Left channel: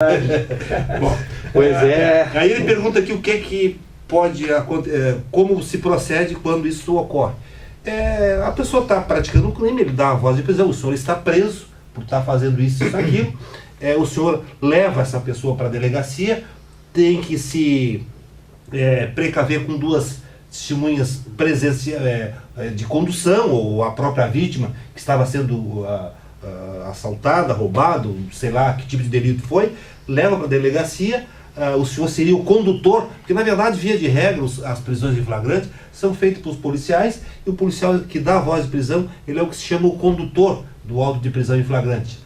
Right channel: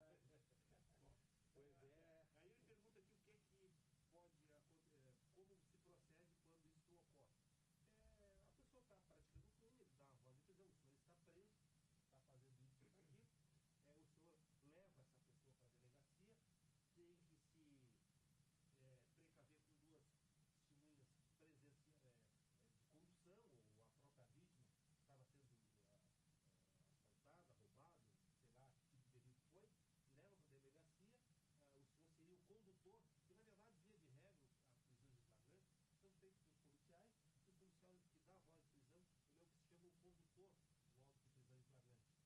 Bom, Pois é. Aí ele pergunta aqui o que é que pode acontecer, como se procede quando isso ocorre. A pessoa está praticando um crime, ele dá a voz de prisão, o senhor está preso por estar fazendo isso e aquilo. O senhor leva essa pessoa para a delegacia, tem que se precaver com duas testemunhas de condução, ou a própria vítima que estava sendo assaltada, roubado, sei lá que tipo de delito foi, leva para a delegacia. O senhor seria o condutor, porque na verdade, via de regra, as prisões em flagrante são feitas pelos policiais, e o policial que dá a voz de prisão, ele é o que se chama o condutor do auto de prisão em flagrante.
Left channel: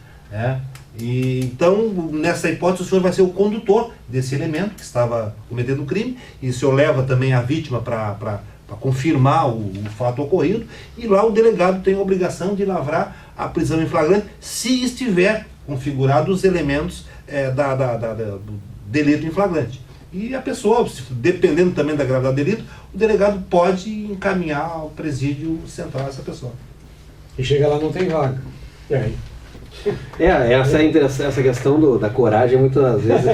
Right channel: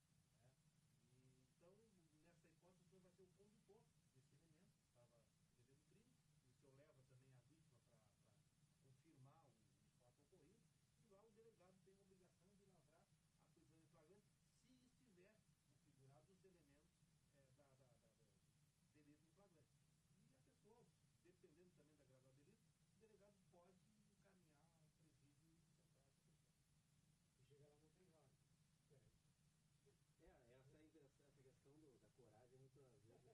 E então, nessa hipótese, o senhor vai ser o condutor desse elemento que estava cometendo o crime, e o senhor leva também a vítima para confirmar o fato ocorrido, e lá o delegado tem a obrigação de lavrar a prisão em flagrante, se estiver configurados os elementos do delito em flagrante. E a pessoa, dependendo também da gravidade do delito, o delegado pode encaminhar ao presídio central essa pessoa. E chega lá, não tem vaga. E aí? Essa questão da coragem, muitas vezes,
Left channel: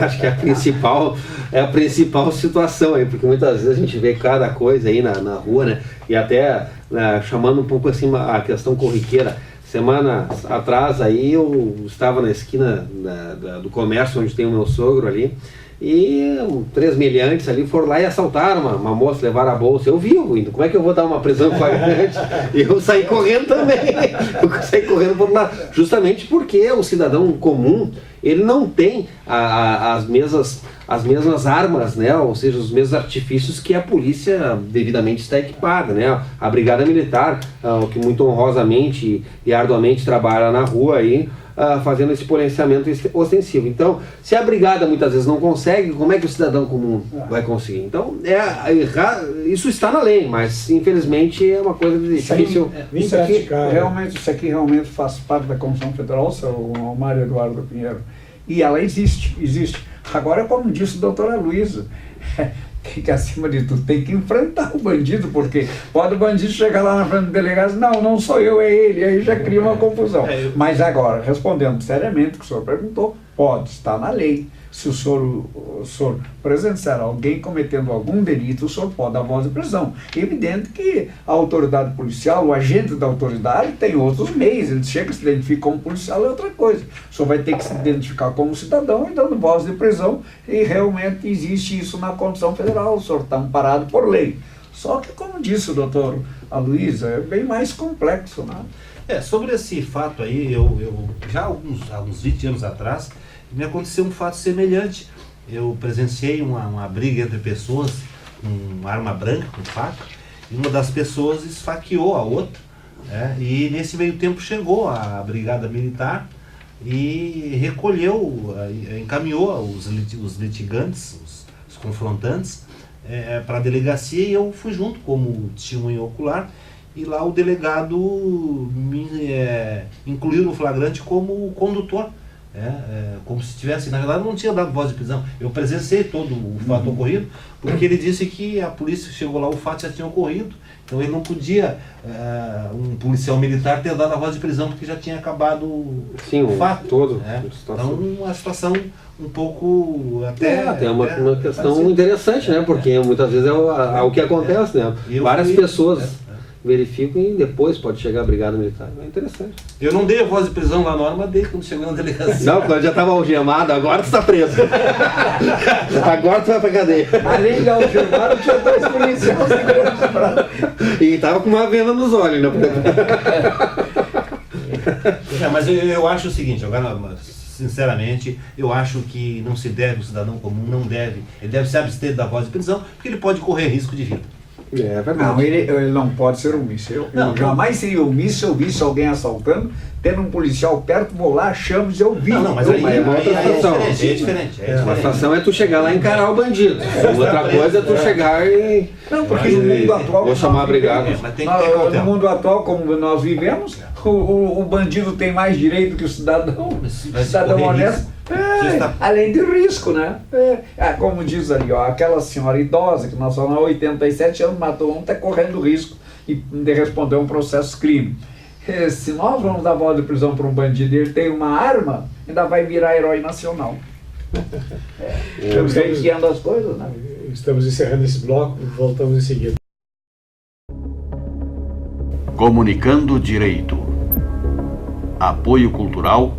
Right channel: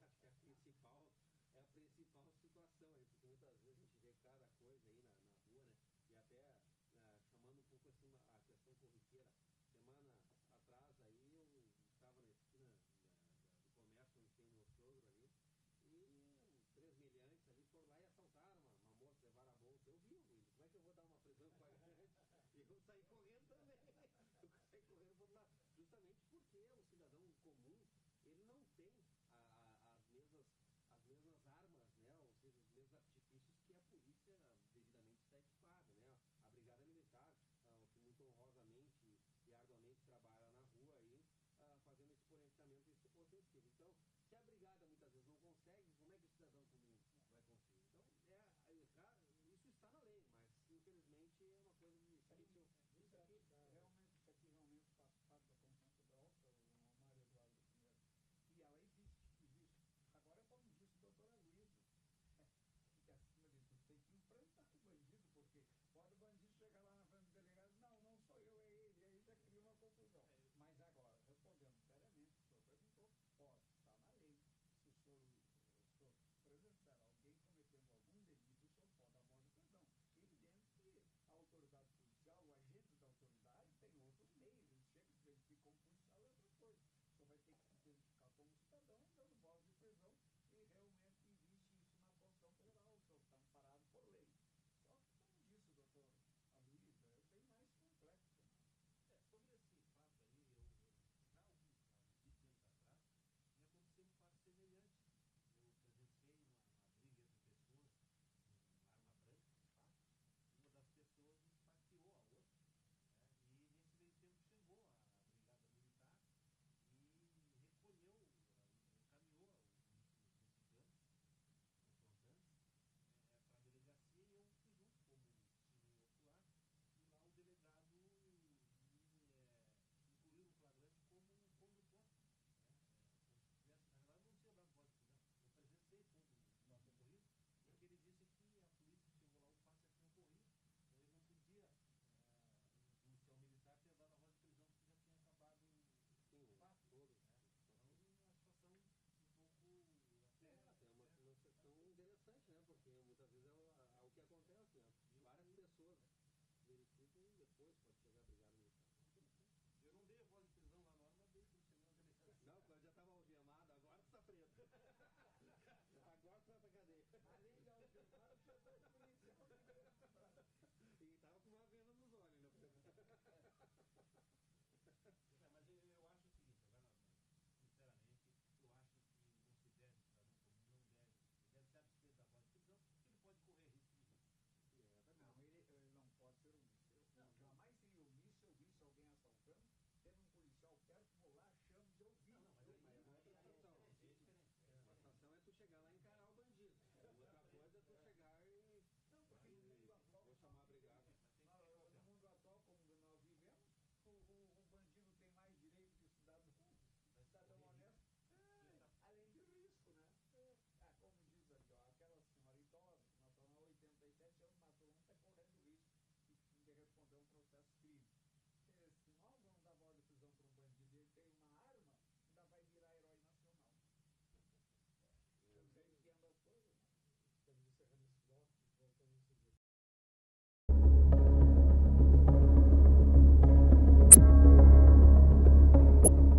acho que é a principal situação aí, porque muitas vezes a gente vê cada coisa aí na rua, né? E até chamando um pouco assim a questão corriqueira. Semana atrás aí eu estava na esquina do comércio onde tem o meu sogro ali, e 3 meliantes ali foram lá e assaltaram uma moça, levaram a bolsa. Eu vi, como é que eu vou dar uma prisão flagrante? E eu saí correndo também. Eu saí correndo por lá, justamente porque o cidadão comum, ele não tem as mesmas armas, né? Ou seja, os mesmos artifícios que a polícia devidamente está equipada, né? A Brigada Militar, que muito honrosamente e arduamente trabalha na rua aí, fazendo esse policiamento ostensivo. Então, se a brigada muitas vezes não consegue, como é que o cidadão comum vai conseguir? Então, isso está na lei, mas infelizmente é uma coisa difícil. Isso aqui realmente faz parte da Constituição Federal, seu Mário Eduardo Pinheiro. E ela existe. Agora, como disse a doutora Luísa, que acima de tudo tem que enfrentar o bandido, porque pode o bandido chegar lá na frente do delegado e dizer, não sou eu, é ele, aí já cria uma confusão. Mas agora, respondendo seriamente o que o senhor perguntou, pode estar na lei. Se o senhor presenciar alguém cometendo algum delito, o senhor pode dar voz de prisão. É evidente que a autoridade policial, o agente da autoridade, tem outros meios. Ele chega, se identifica como policial, é outra coisa. O senhor vai ter que se identificar como cidadão e dando voz de prisão, e realmente existe isso na Constituição Federal. O senhor está amparado por lei. Só que, como disse o doutor Aloysio, é bem mais complexo, né? Sobre esse fato aí, eu já há uns 20 anos atrás, me aconteceu um fato semelhante. Eu presenciei uma briga entre pessoas com arma branca, com faca, e uma das pessoas esfaqueou a outra, e nesse meio tempo chegou a Brigada Militar e recolheu, encaminhou os litigantes, os confrontantes, para a delegacia, e eu fui junto como testemunha ocular, e lá o delegado me incluiu no flagrante como condutor. Como se tivesse, na verdade não tinha dado voz de prisão. Eu presenciei todo o fato ocorrido, porque ele disse que a polícia chegou lá, o fato já tinha ocorrido, então ele não podia, um policial militar, ter dado a voz de prisão, porque já tinha acabado o fato todo. Então, uma situação um pouco tem uma questão interessante, né? Porque muitas vezes é o que acontece, né? Várias pessoas verificam e depois pode chegar a Brigada Militar. É interessante. Eu não dei a voz de prisão lá na hora, mas dei quando chegou na delegacia. Não, quando já estava algemado, agora tu está preso. Agora tu vai pra cadeia. Além de algemado, tinha 2 policiais segurando. E estava com uma venda nos olhos, né? Mas eu acho o seguinte, agora, sinceramente, eu acho que não se deve, o cidadão comum não deve, ele deve se abster da voz de prisão, porque ele pode correr risco de vida. É verdade. Não, ele não pode ser omisso. Eu jamais seria omisso se eu visse alguém assaltando, tendo um policial perto, vou lá, chamo e eu vi. Mas aí é diferente. Uma situação é tu chegar lá e encarar o bandido. Outra coisa é tu chegar e... Não, porque no mundo atual... Vou chamar a brigada. No mundo atual, como nós vivemos, o bandido tem mais direito que o cidadão. O cidadão honesto. Além de risco, né? Como diz ali, aquela senhora idosa que nós falamos há 87 anos, matou um, está correndo risco de responder um processo crime. Se nós vamos dar voz de prisão para um bandido e ele tem uma arma, ainda vai virar herói nacional. Estamos guiando as coisas, né? Estamos encerrando esse bloco, voltamos em seguida. Comunicando Direito. Apoio Cultural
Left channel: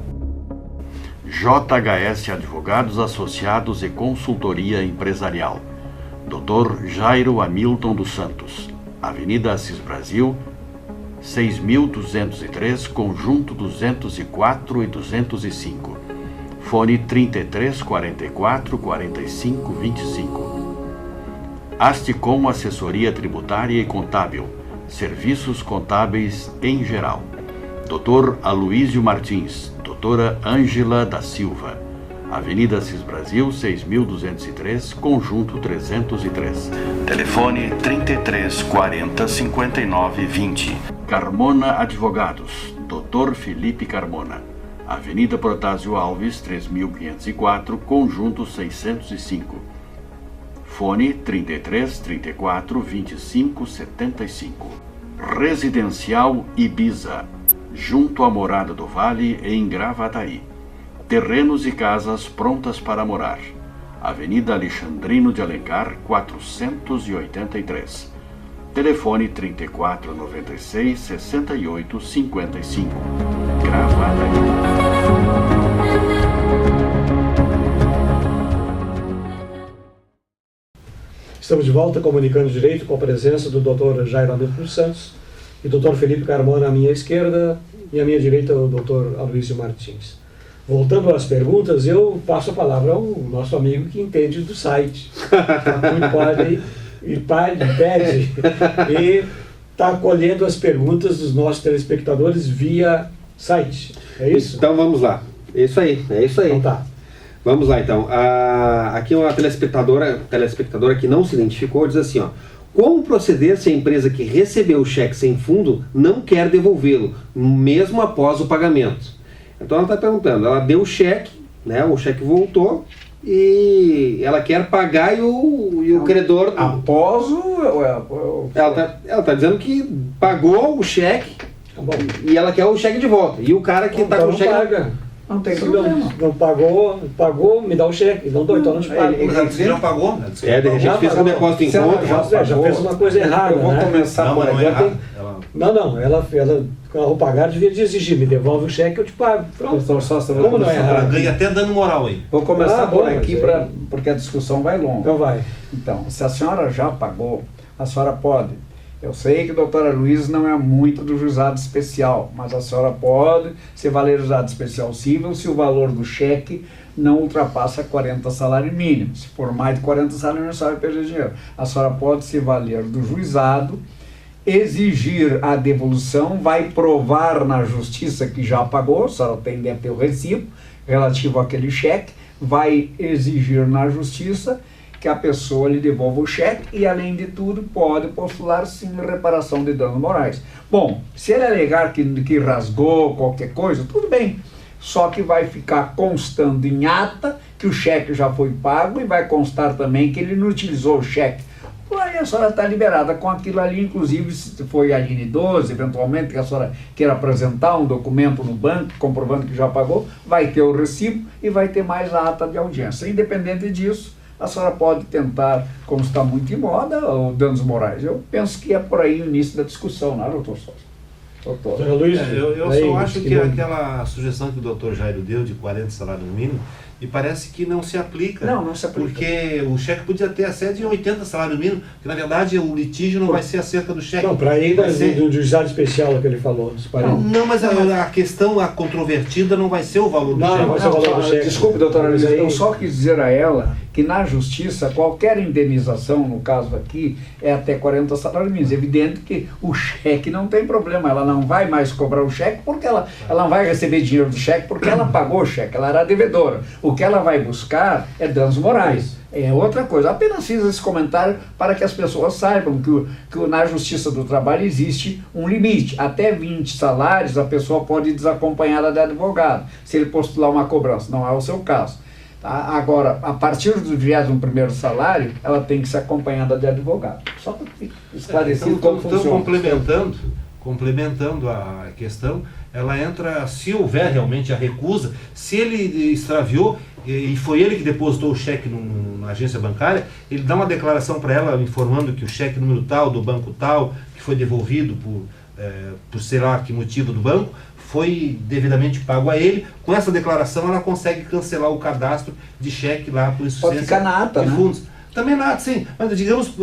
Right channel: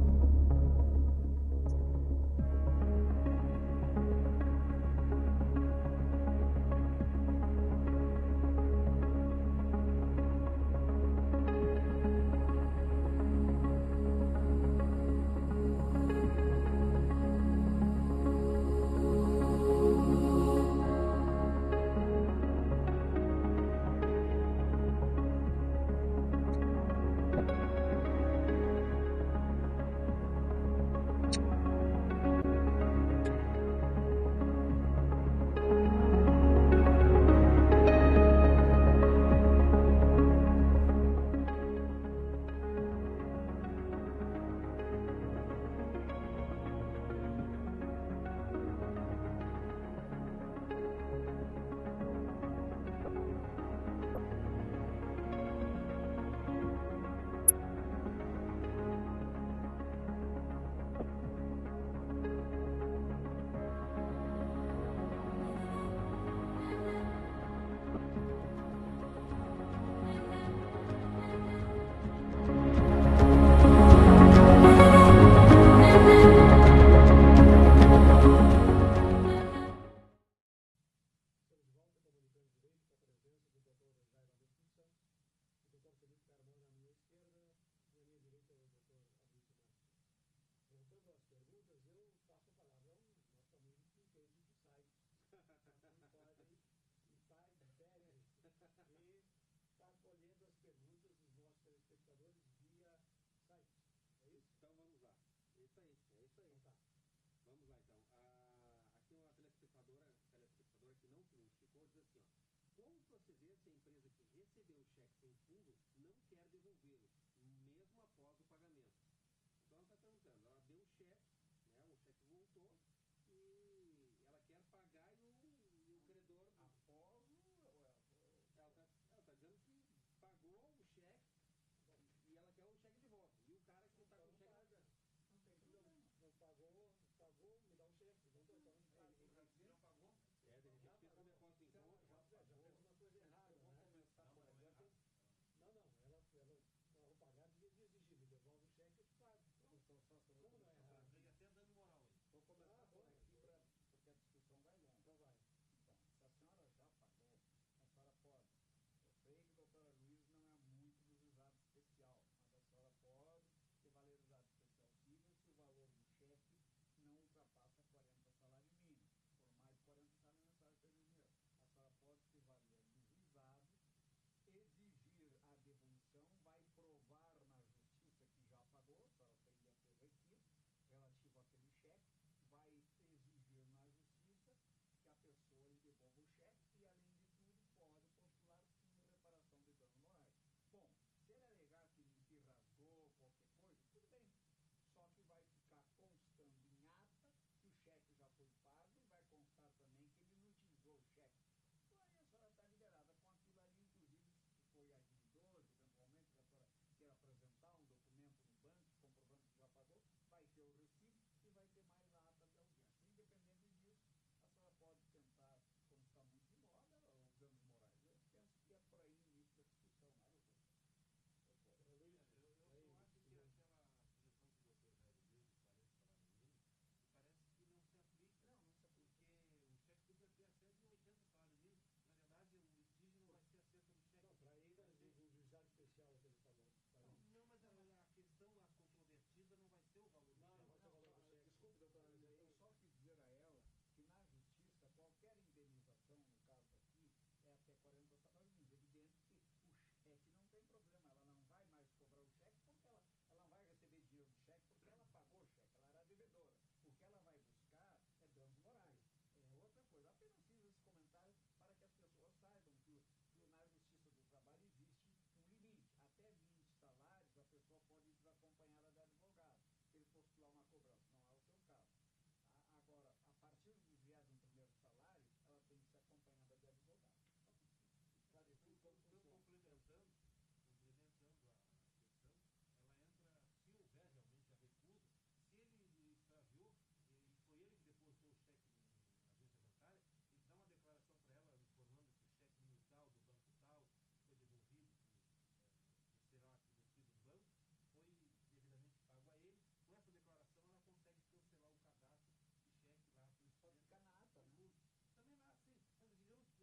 JHS Advogados Associados e Consultoria Empresarial. Dr. Jairo Hamilton dos Santos, Avenida Assis Brasil, 6.203, Conjunto 204 e 205. Fone 33 44 45 25. Asticom Assessoria Tributária e Contábil. Serviços contábeis em geral. Dr. Aloísio Martins, Doutora Ângela da Silva, Avenida Assis Brasil, 6.203, Conjunto 303. Telefone 33 40 59 20. Carmona Advogados, Dr. Felipe Carmona, Avenida Protásio Alves, 3.504, Conjunto 605. Fone 33 34 25 75. Residencial Ibiza, junto à Morada do Vale, em Gravataí. Terrenos e casas prontas para morar. Avenida Alexandrino de Alencar, 483. Telefone 34 96 68 55. Gravataí. Estamos de volta comunicando direito com a presença do Dr. Jairo Hamilton dos Santos e Dr. Felipe Carmona à minha esquerda e à minha direita o Dr. Aloísio Martins. Voltando às perguntas, eu passo a palavra ao nosso amigo que entende do site. Pede e está colhendo as perguntas dos nossos telespectadores via site. É isso? Então vamos lá. É isso aí. Então tá. Vamos lá então. Aqui uma telespectadora que não se identificou diz assim, ó. Como proceder se a empresa que recebeu o cheque sem fundo não quer devolvê-lo, mesmo após o pagamento? Então ela está perguntando, ela deu o cheque, né? O cheque voltou e ela quer pagar e o credor... Após o... Ela tá dizendo que pagou o cheque e ela quer o cheque de volta. E o cara que está com o cheque... Paga. Não tem problema. Não pagou, me dá o cheque. Não dou, então não te pago. Você já pagou? Né? De repente fez um depósito em conta. Já fez uma coisa errada. Eu vou começar por aqui. Não, ela ao pagar devia de exigir, me devolve o cheque, eu te pago. Pronto. Como não é Ela errado? ganha até dando moral aí. Vou começar por aqui, mas porque a discussão vai longa. Então vai. Então, se a senhora já pagou, a senhora pode. Eu sei que a doutora Luísa não é muito do juizado especial, mas a senhora pode se valer do juizado especial civil se o valor do cheque não ultrapassa 40 salários mínimos. Se for mais de 40 salários mínimos, a senhora vai perder dinheiro. A senhora pode se valer do juizado, exigir a devolução, vai provar na justiça que já pagou, a senhora deve ter o recibo relativo àquele cheque, vai exigir na justiça que a pessoa lhe devolva o cheque e, além de tudo, pode postular sim reparação de danos morais. Bom, se ele alegar que rasgou qualquer coisa, tudo bem, só que vai ficar constando em ata que o cheque já foi pago e vai constar também que ele não utilizou o cheque. Aí a senhora está liberada com aquilo ali, inclusive se foi a linha 12, eventualmente, que a senhora queira apresentar um documento no banco comprovando que já pagou, vai ter o recibo e vai ter mais a ata de audiência. Independente disso, a senhora pode tentar, como está muito em moda, o danos morais. Eu penso que é por aí o início da discussão, não é, doutor Sousa? Doutor Luiz, Eu só acho que aquela sugestão que o doutor Jairo deu de 40 salários mínimos, me parece que não se aplica. Não se aplica. Porque o cheque podia ter a sede em 80 salários mínimos, porque na verdade o litígio não vai ser acerca do cheque. Não, para ir vai ser... do juizado especial que ele falou, dos 40. Não, mas a questão, a controvertida não vai ser o valor do cheque. Vai ser o valor do cheque. Desculpe, doutora Luísa, Aí- eu só quis dizer a ela que na justiça, qualquer indenização, no caso aqui, é até 40 salários mínimos. Evidente que o cheque não tem problema, ela não vai mais cobrar o cheque porque ela não vai receber dinheiro do cheque porque ela pagou o cheque, ela era devedora. O que ela vai buscar é danos morais. É outra coisa. Apenas fiz esse comentário para que as pessoas saibam que na Justiça do Trabalho existe um limite. Até 20 salários a pessoa pode ir desacompanhada de advogado, se ele postular uma cobrança. Não é o seu caso. Tá? Agora, a partir do 21º salário, ela tem que ser acompanhada de advogado. Só para esclarecer como Então, funciona. complementando, complementando a questão, ela entra, se houver realmente a recusa, se ele extraviou e foi ele que depositou o cheque na agência bancária, ele dá uma declaração para ela informando que o cheque número tal, do banco tal, que foi devolvido por sei lá que motivo do banco, foi devidamente pago a ele. Com essa declaração ela consegue cancelar o cadastro de cheque lá por insuficiência Pode ficar na ata, de né? fundos. Também na ata, sim, mas digamos,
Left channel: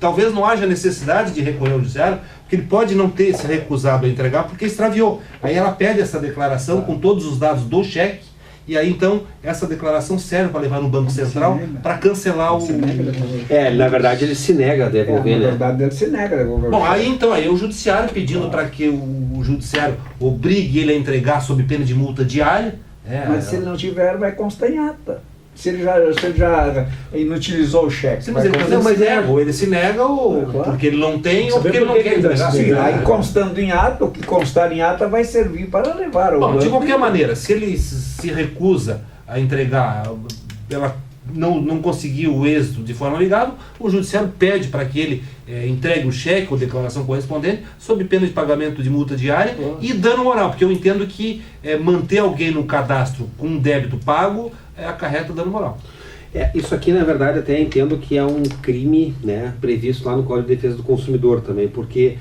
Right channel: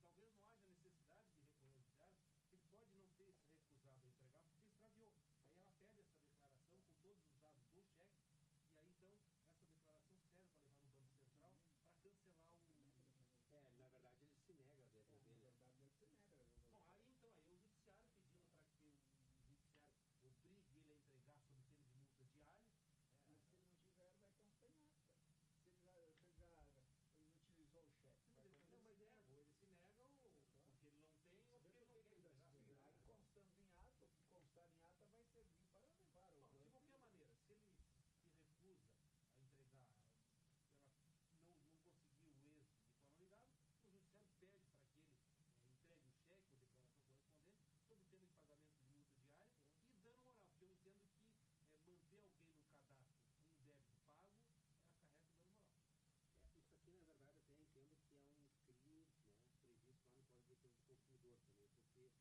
talvez não haja necessidade de recorrer ao judiciário, porque ele pode não ter se recusado a entregar porque extraviou. Aí ela pede essa declaração com todos os dados do cheque, e aí então essa declaração serve para levar no Banco Central para cancelar o... Na verdade ele se nega a devolver, Na né? verdade, ele se nega a devolver. Bom, aí então aí o judiciário pedindo para que o judiciário obrigue ele a entregar sob pena de multa diária. Mas se ele não tiver, vai constar em ata. Se ele já inutilizou o cheque. Sim, mas vai ele, constar- se nega, ou ele se nega ou Claro. porque ele não tem ou Saber porque ele por não que quer ele tá entregar. se Sim, negando. aí constando em ata, o que constar em ata vai servir para levar o Bom, de banco. qualquer maneira, se ele se recusa a entregar, ela não conseguiu o êxito de forma legal, o judiciário pede para que ele entregue o cheque ou declaração correspondente sob pena de pagamento de multa diária e dano moral, porque eu entendo que manter alguém no cadastro com um débito pago acarreta dano moral. Isso aqui, na verdade, até entendo que é um crime, né, previsto lá no Código de Defesa do Consumidor também, porque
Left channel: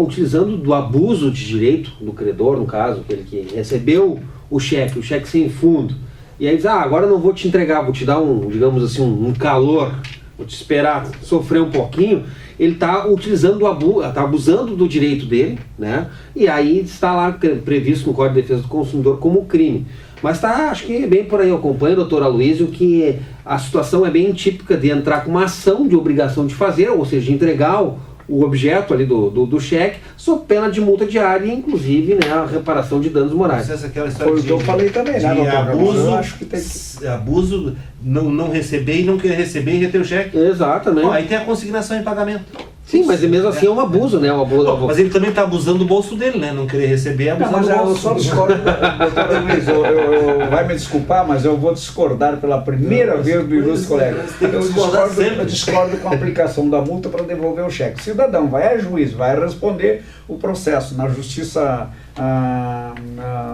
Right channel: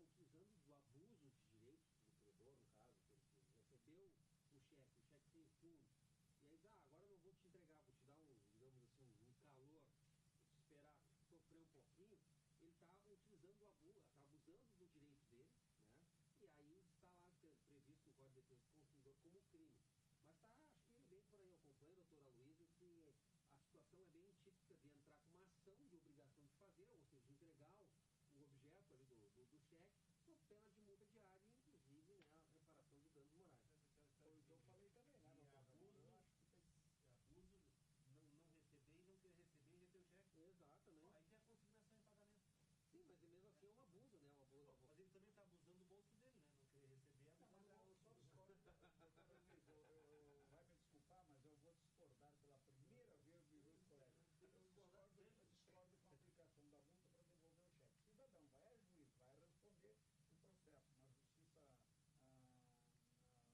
utilizando do abuso de direito do credor, no caso, aquele que recebeu o cheque sem fundo, e aí diz, agora eu não vou te entregar, vou te dar digamos assim, um calor, vou te esperar sofrer um pouquinho, ele está utilizando está abusando do direito dele, né, e aí está lá previsto no Código de Defesa do Consumidor como crime. Mas acho que bem por aí, eu acompanho, doutor Aloysio, que a situação é bem típica de entrar com uma ação de obrigação de fazer, ou seja, de entregar o objeto ali do cheque, sob pena de multa diária e, inclusive, né, a reparação de danos morais. Essa é aquela história Foi o que eu falei também, né, de doutor? abuso, Eu acho que tem que... abuso, não receber e não querer receber e reter o cheque. Exatamente. Bom, aí tem a consignação em pagamento. Sim, mas mesmo assim é um abuso, né? Um abuso, Bom, mas ele também está abusando do bolso dele, né? Não querer receber é Não, abusar mas do eu bolso. só discordo, doutor Luiz, vai me desculpar, mas eu vou discordar pela primeira vez do ilustre colega. tem que discordar sempre. Eu discordo com a aplicação da multa para devolver o cheque. O cidadão vai a juiz, vai responder o processo na justiça,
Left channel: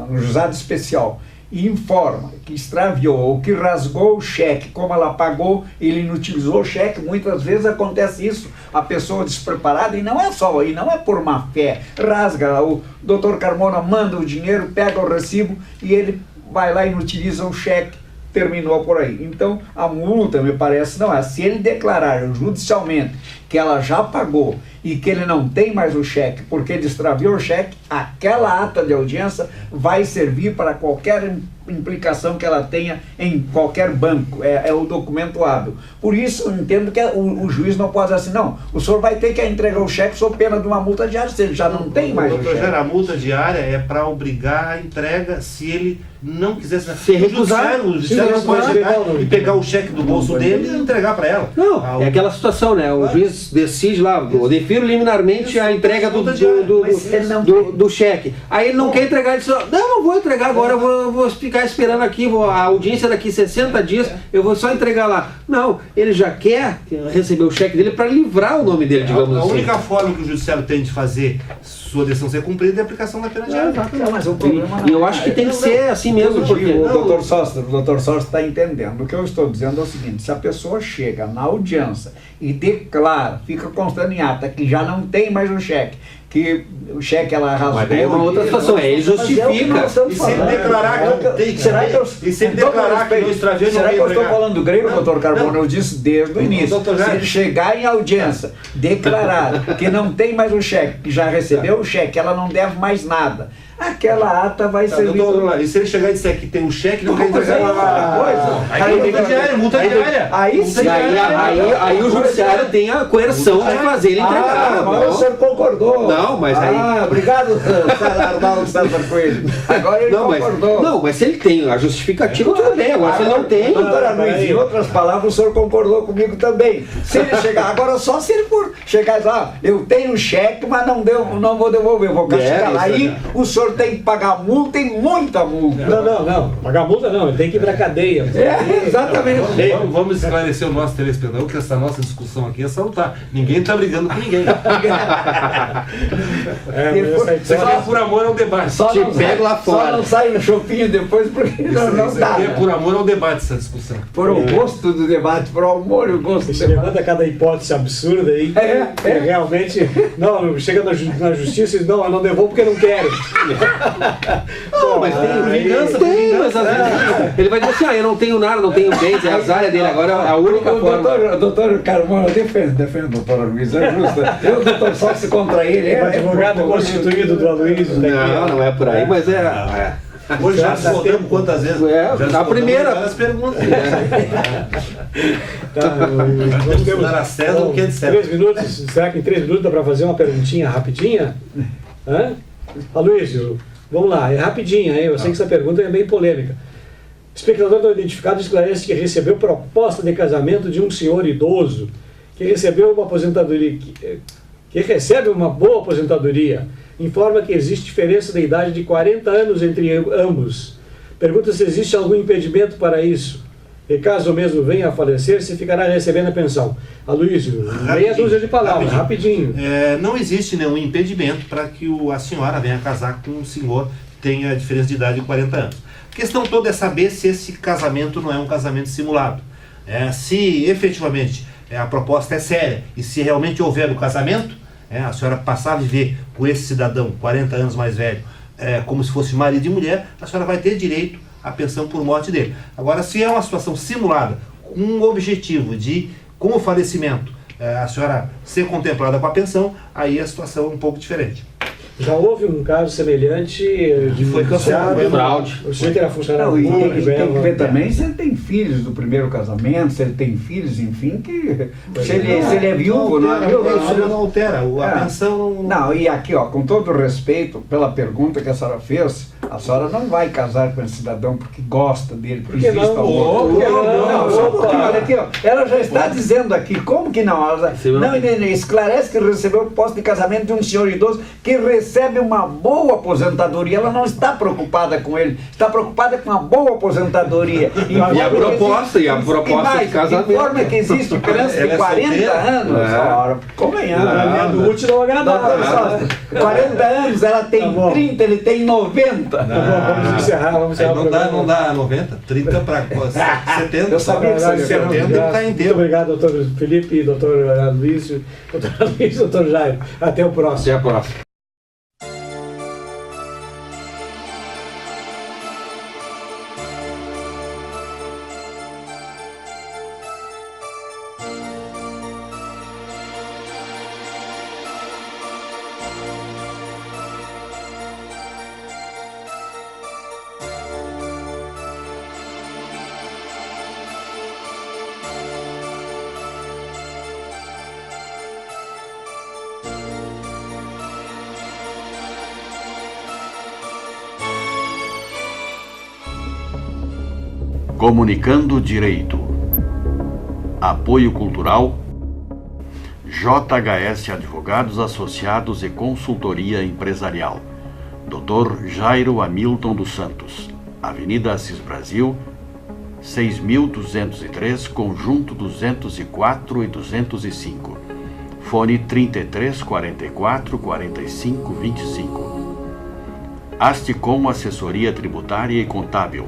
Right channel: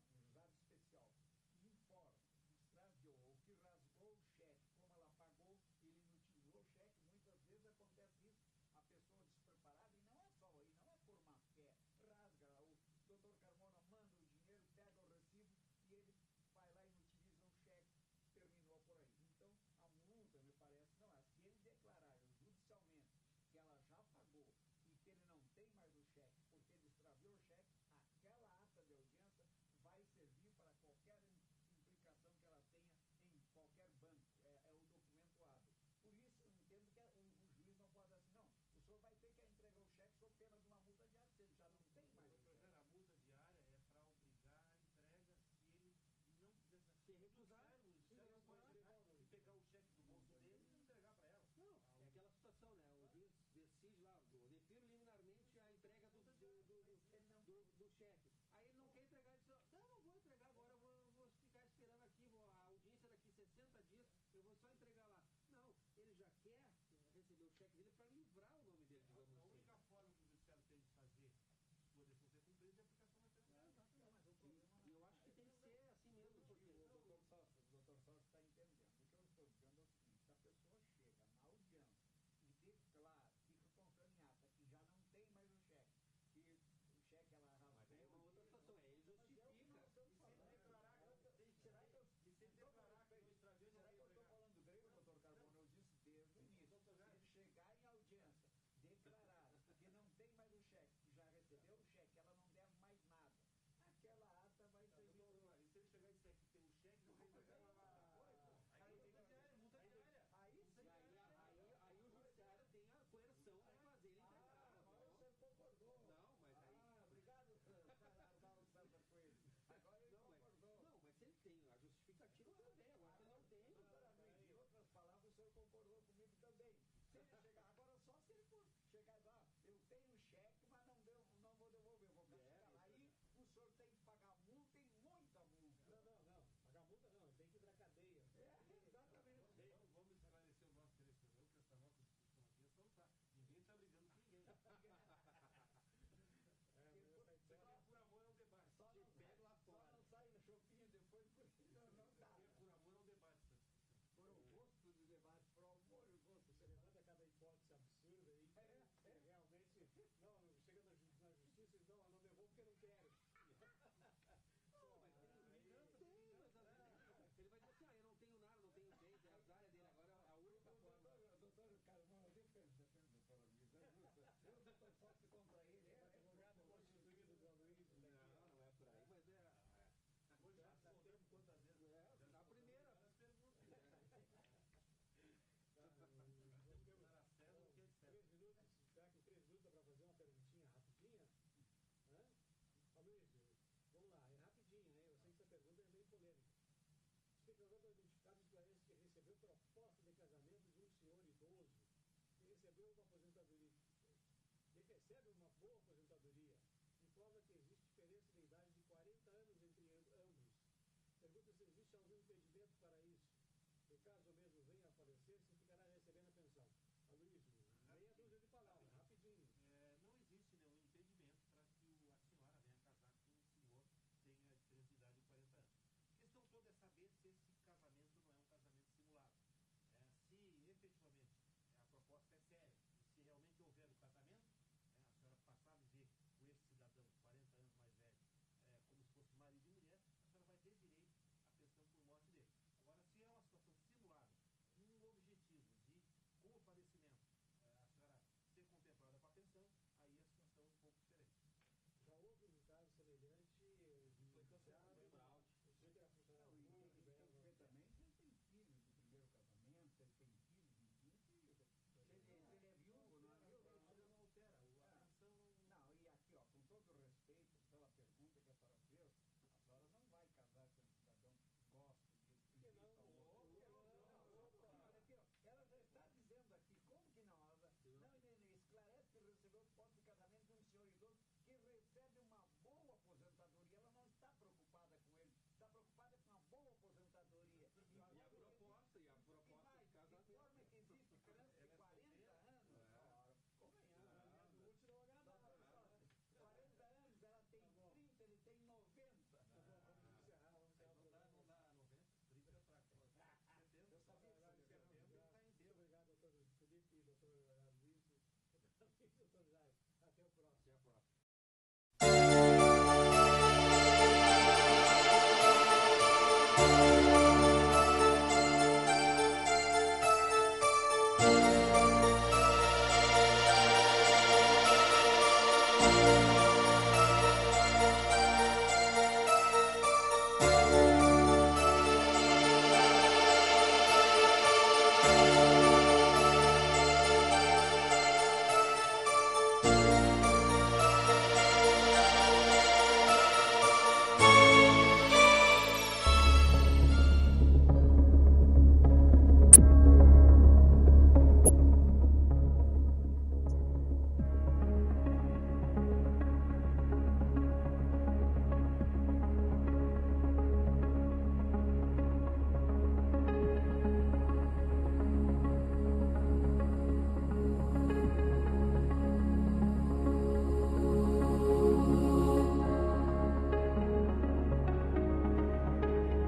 no juizado especial, e informa que extraviou ou que rasgou o cheque, como ela pagou, ele inutilizou o cheque, muitas vezes acontece isso, a pessoa despreparada, e não é por má fé, rasga, o doutor Carmona manda o dinheiro, pega o recibo e ele vai lá e inutiliza o cheque, terminou por aí. Então, a multa, me parece, não é. Se ele declarar judicialmente que ela já pagou e que ele não tem mais o cheque porque ele extraviou o cheque, aquela ata de audiência vai servir para qualquer implicação que ela tenha em qualquer banco. É o documento hábil. Por isso, eu entendo que o juiz não pode dizer assim, não, o senhor vai ter que entregar o cheque sob pena de uma multa diária, se ele já não tem mais o Doutor cheque. Jair, a multa diária é para obrigar a entrega se ele não quiser Se recusar, o judiciário não pode chegar e pegar o cheque do bolso dele e entregar para ela. Não, é aquela situação, né? O juiz decide lá, eu defiro liminarmente a entrega do cheque. Aí ele não quer entregar, ele diz, não vou entregar agora, eu vou ficar esperando aqui, a audiência daqui 60 dias, eu vou só entregar lá. Não, ele já quer receber o cheque dele para livrar o nome dele, digamos A assim. única forma que o judiciário tem de fazer sua decisão ser cumprida é a aplicação da pena diária. Não, mas o problema não E eu acho que tem que ser assim mesmo, porque... O doutor Sócio está entendendo. O que eu estou dizendo é o seguinte, se a pessoa chega na audiência e declara, fica constando em ata que já não tem mais o cheque, que o cheque ela rasgou... Mas daí é uma outra situação, ele justifica. E se ele declarar que não tem, será que eu, e se ele declarar que não extraviou, não será que vai eu estou entregar? falando do grego, doutor Carmona? não. Eu disse desde o início. Doutor Se Jair. ele chegar em audiência, declarar que não tem mais o cheque, que já recebeu o cheque, ela não deve mais nada, aquela ata vai servir... E se ele chegar e disser que tem um cheque, não Não, quer mas entregar aí é outra coisa. Aí tem que diária, multa diária. Aí Multa sim. diária. Aí o judiciário tem a coerção de fazer ele entregar. Agora o senhor concordou. Não, mas aí... obrigado, Arnaldo César Coelho. Agora ele concordou. Não, mas se ele tem a justificativa, tudo bem. Agora, se ele não tem... Doutora Luiz, em outras palavras, o senhor concordou comigo também. Se ele chegar, agora só se ele for chegar e falar, eu tenho cheque, mas não vou devolver, vou castigar. isso, Aí o senhor doutor tem que pagar multa e muita multa. Não. Pagar multa não, ele tem que ir pra cadeia. Exatamente. Vamos esclarecer o nosso telespectador que essa nossa discussão aqui é salutar. Ninguém está brigando com ninguém. Isso aqui é por amor ao debate. Te pego lá fora. Só não sai no chopinho depois porque não Isso dá. aqui é por amor ao debate, essa discussão. Por o gosto do debate, por amor e o gosto do Você debate. levanta cada hipótese absurda aí, que realmente, não, chega na justiça e diz, não, eu não devolvo porque eu não quero. Não, mas tem vingança, mas às vezes ele vai dizer assim, eu não tenho nada, não tenho bens, é a área dele, agora é a única forma. O doutor Carmona, defende o doutor Luiz, é justo. Eu, doutor, só contra ele. O advogado constituído do Aloysio. Não é por aí, mas é. Hoje já respondemos quantas vezes? A primeira. As perguntas. Nós temos dar a César o que é de César. 3 minutos, será que em 3 minutos dá para fazer uma perguntinha rapidinha? Aloysio, vamos lá, é rapidinha, hein? Eu sei que essa pergunta é bem polêmica. Espectador não identificado esclarece que recebeu proposta de casamento de um senhor idoso que recebeu uma aposentadoria, que recebe uma boa aposentadoria. Informa que existe diferença de idade de 40 anos entre ambos. Pergunta se existe algum impedimento para isso. E caso mesmo venha a falecer, se ficará recebendo a pensão. Aloysio, meia dúzia de palavras, rapidinho. Não existe nenhum impedimento para que a senhora venha casar com um senhor que tenha diferença de idade de 40 anos. A questão toda é saber se esse casamento não é um casamento simulado. Se efetivamente a proposta é séria e se realmente houver o casamento, a senhora passar a viver com esse cidadão 40 anos mais velho, como se fosse marido e mulher, a senhora vai ter direito à pensão por morte dele. Agora, se é uma situação simulada, com o objetivo de, com o falecimento, a senhora ser contemplada com a pensão, aí a situação é um pouco diferente. Já houve um caso semelhante de foi cancelado, fraude. O senhor era funcionário Não, e público, tem que ver ganhava- também se ele tem filhos do primeiro casamento, se ele tem filhos, enfim, que se ele é viúvo, não é viúvo. Isso não altera, a pensão Não, e aqui, ó, com todo respeito pela pergunta que a senhora fez, a senhora não vai casar com esse cidadão porque gosta dele, porque Por que existe não? algum... Por que Não, só um Opa. pouquinho, olha aqui, ó, ela já está dizendo aqui, como que não? Ela, não, esclarece que recebeu o posto de casamento de um senhor idoso que recebe uma boa aposentadoria, ela não está preocupada com ele, está preocupada com uma boa aposentadoria. E a proposta de casamento. Informa que existe diferença de 40 anos, ora, convenhamos. Do útil ao agradável. 40 anos, ela tem Tá bom. 30, ele tem 90. Vamos encerrar o programa. não dá 90, 30 para 70. Eu sabia que você ia 70 ele está Muito inteiro. obrigado, doutor Felipe, doutor Aloysio, doutor Jairo. Até o próximo. Até a próxima. Comunicando Direito. Apoio Cultural JHS Advogados Associados e Consultoria Empresarial. Dr. Jairo Hamilton dos Santos, Avenida Assis Brasil, 6.203, Conjunto 204 e 205. Fone 33 44 45 25. Asticom Assessoria Tributária e Contábil.